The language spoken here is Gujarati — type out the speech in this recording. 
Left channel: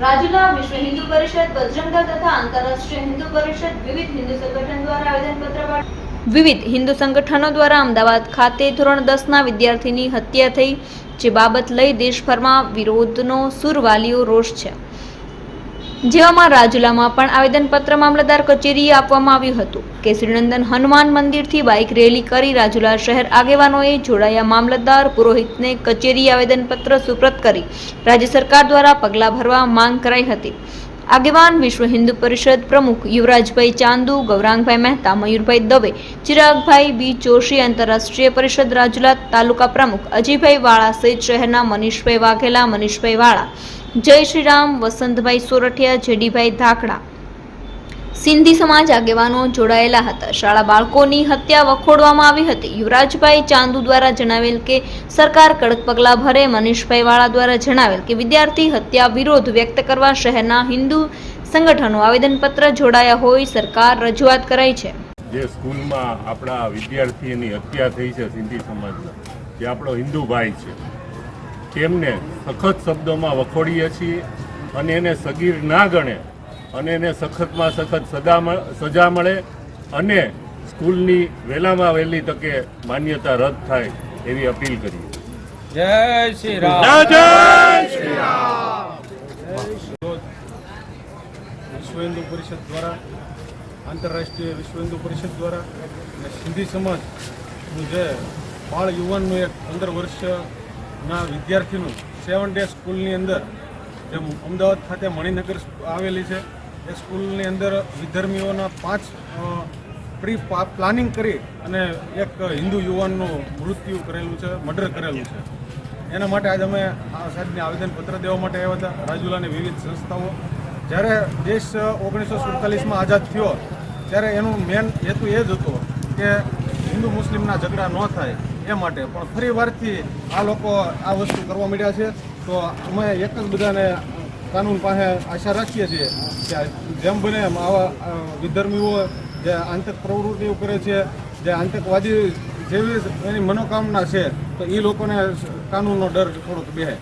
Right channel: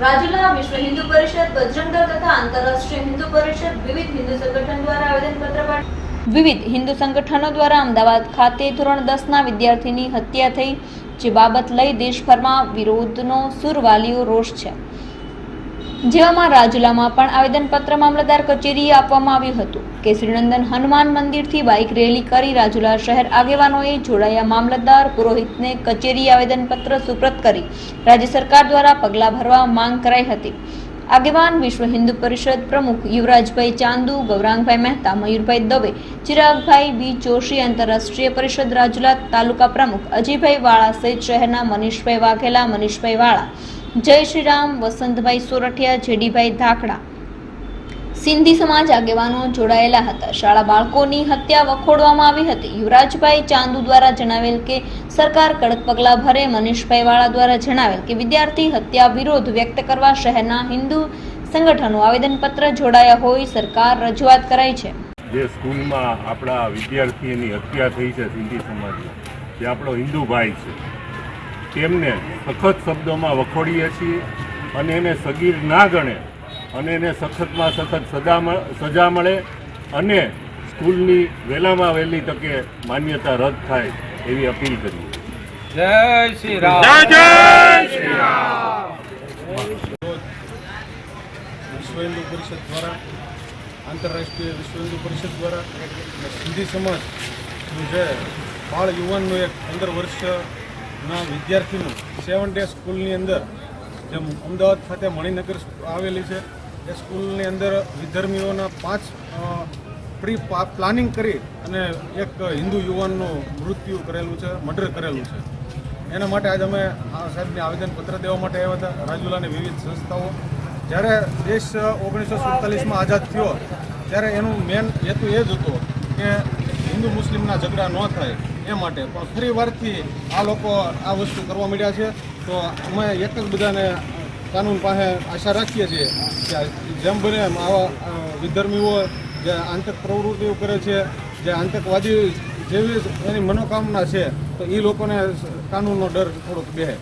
રાજુલા વિશ્વ હિન્દુ પરિષદ, બજરંગદળ તથા આંતરરાષ્ટ્રીય હિન્દુ પરિષદ વિવિધ હિન્દુ સંગઠન દ્વારા આવેદનપત્ર વિવિધ હિન્દુ સંગઠનો દ્વારા અમદાવાદ ખાતે ધોરણ દસના વિદ્યાર્થીની હત્યા થઈ, જે બાબત લઈ દેશભરમાં વિરોધનો સુર વાલીઓ રોષ છે. જેવામાં રાજુલામાં પણ આવેદનપત્ર મામલતદાર કચેરીએ આપવામાં આવ્યું હતું કે શ્રીનંદન હનુમાન મંદિરથી બાઇક રેલી કરી રાજુલા શહેર આગેવાનોએ જોડાયા મામલતદાર પુરોહિતને કચેરી આવેદનપત્ર સુપ્રત કરી રાજ્ય સરકાર દ્વારા પગલાં ભરવા માંગ કરાઈ હતી. આગેવાન વિશ્વ હિન્દુ પરિષદ પ્રમુખ યુવરાજભાઈ ચાંદુ, ગૌરાંગભાઈ મહેતા, મયુરભાઈ દવે, ચિરાગભાઈ બી જોશી, આંતરરાષ્ટ્રીય પરિષદ રાજુલા તાલુકા પ્રમુખ અજયભાઈ વાળા સહિત શહેરના મનીષભાઈ વાઘેલા, મનીષભાઈ વાળા જય શ્રીરામ, વસંતભાઈ સોરઠિયા, જેડીભાઈ ધાકડા. સિંધી સમાજ આગેવાનો જોડાયેલા હતા. શાળા બાળકોની હત્યા વખોડવામાં આવી હતી. યુવરાજભાઈ ચાંદુ દ્વારા જણાવેલ કે, સરકાર કડક પગલાં ભરે. મનીષભાઈ વાળા દ્વારા જણાવેલ કે, વિદ્યાર્થી હત્યા વિરોધ વ્યક્ત કરવા શહેરના હિન્દુ સંગઠનો આવેદનપત્ર જોડાયા હોય, સરકાર રજૂઆત કરાઈ છે. જે સ્કૂલમાં આપણા વિદ્યાર્થીની હત્યા થઈ છે સિંધી સમાજમાં, જે આપણો હિન્દુ ભાઈ છે તેમને સખત શબ્દોમાં વખોડીએ છીએ અને એને સગીર ના ગણે અને એને સખતમાં સખત સદા સજા મળે અને સ્કૂલની વહેલામાં વહેલી તકે માન્યતા રદ થાય એવી અપીલ કરી જય શ્રી રામ. વિશ્વ હિન્દુ પરિષદ દ્વારા આંતરરાષ્ટ્રીય વિશ્વ હિન્દુ પરિષદ દ્વારા અને સિંધી સમાજ જે બાળ યુવાનનું એક પંદર વર્ષના વિદ્યાર્થીનું સેવન ડે સ્કૂલની અંદર જે અમદાવાદ ખાતે મણિનગર આવેલી છે, એ સ્કૂલની અંદર વિધર્મીઓના પાંચ પ્રી પ્લાનિંગ કરી અને એક હિન્દુ યુવાનનું મૃત્યુ કરેલું છે મર્ડર કરેલું છે. એના માટે આજે અમે આ સાહેબને આવેદનપત્ર દેવા માટે આવ્યા હતા, રાજુલાની વિવિધ સંસ્થાઓ. જ્યારે દેશ ઓગણીસો સુડતાલીસમાં આઝાદ થયો, ત્યારે એનું મેન હેતુ એ જ હતો કે હિન્દુ મુસ્લિમના ઝઘડા ન થાય એ માટે પણ ફરી વારથી આ લોકો આ વસ્તુ કરવા માંડ્યા છે. તો અમે એક જ બધાને કાનૂન પાસે આશા રાખીએ છીએ કે જેમ બને એમ આવા વિધર્મીઓ જે આંતક પ્રવૃત્તિઓ કરે છે જે આતંકવાદી જેવી એની મનોકામના છે તો એ લોકોને કાનૂનનો ડર થોડોક બેહે.